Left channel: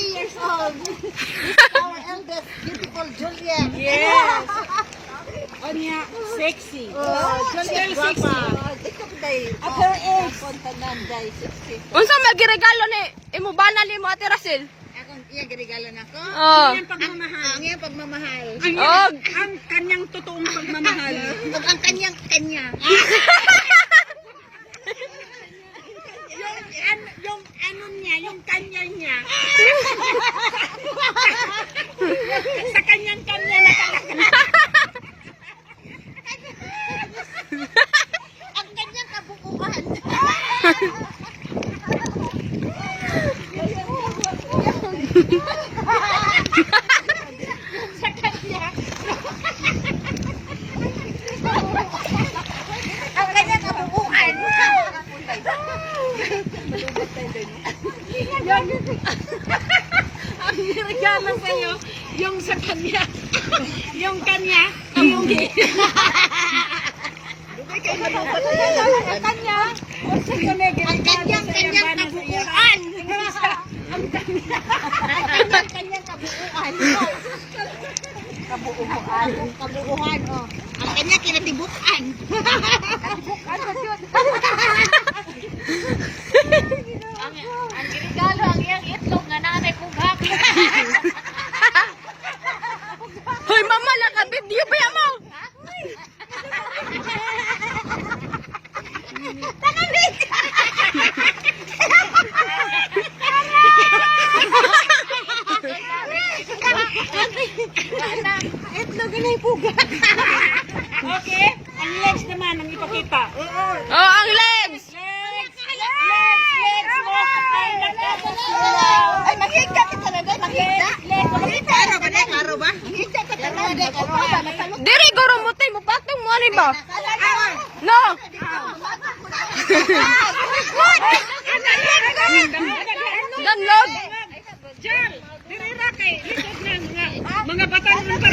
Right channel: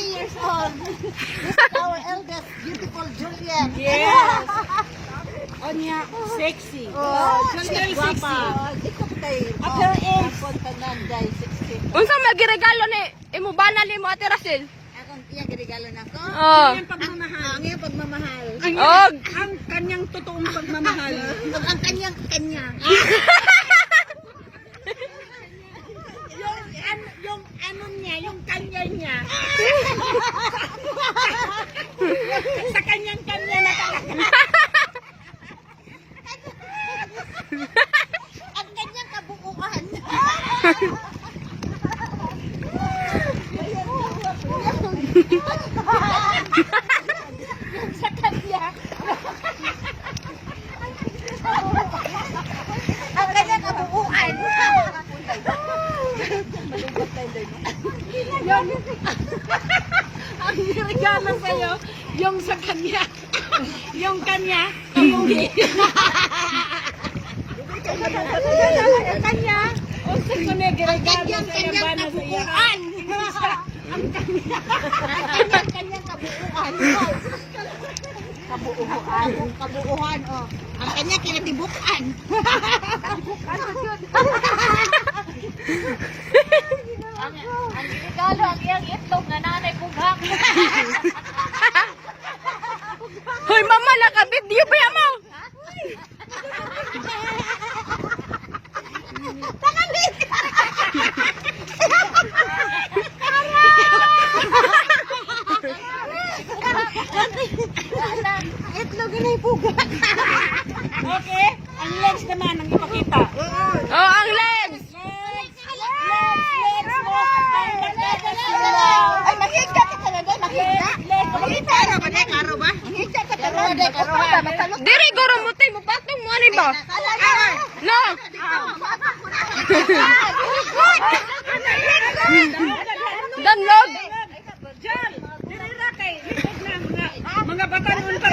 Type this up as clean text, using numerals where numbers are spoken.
Years old. Our eldest, beautiful Juliet. Yes. Onya, sexy. Juliet sexy. At her age. Sexy. Unsa magiregalo ni imo banal nimo Ate Rachel? Akong iya regalo nako. Oh. Ang pagmamahal. Ang iya pagmamahal. Ang kanyang totoong pagmamahal. Ug ang kanyang kanya. yung ano niya, yung kanya niya. Sa kanyang kanya na talaga. Ang kanyang kabuuan. Sa kanya. Ang kanyang kabuuan. Ang regalo sa'yo, yung sa kanya. Yung kanya, yung Dugay kay malubat. ang kanya. Ang kanyang kabuuan. Ang kanyang kabuuan. Kabuuan, oh. Ang kanya kinatibukan. Ang regalo ang iyang itlog nga nanay kughak. Hoy mama naka-video ba mo? Tanamig. Itlog na ipuga. Okay? Ang legs naman ang ipakita. Oh, ang legs. Ay, makita ka talaga, makita. Karo ba na? Karo ba? Makita ka talaga. Karo ba? Diri guro mo tay mo patong mo ani ba? No. Danlog! Jal! Dinira kay litod na mga batanon pa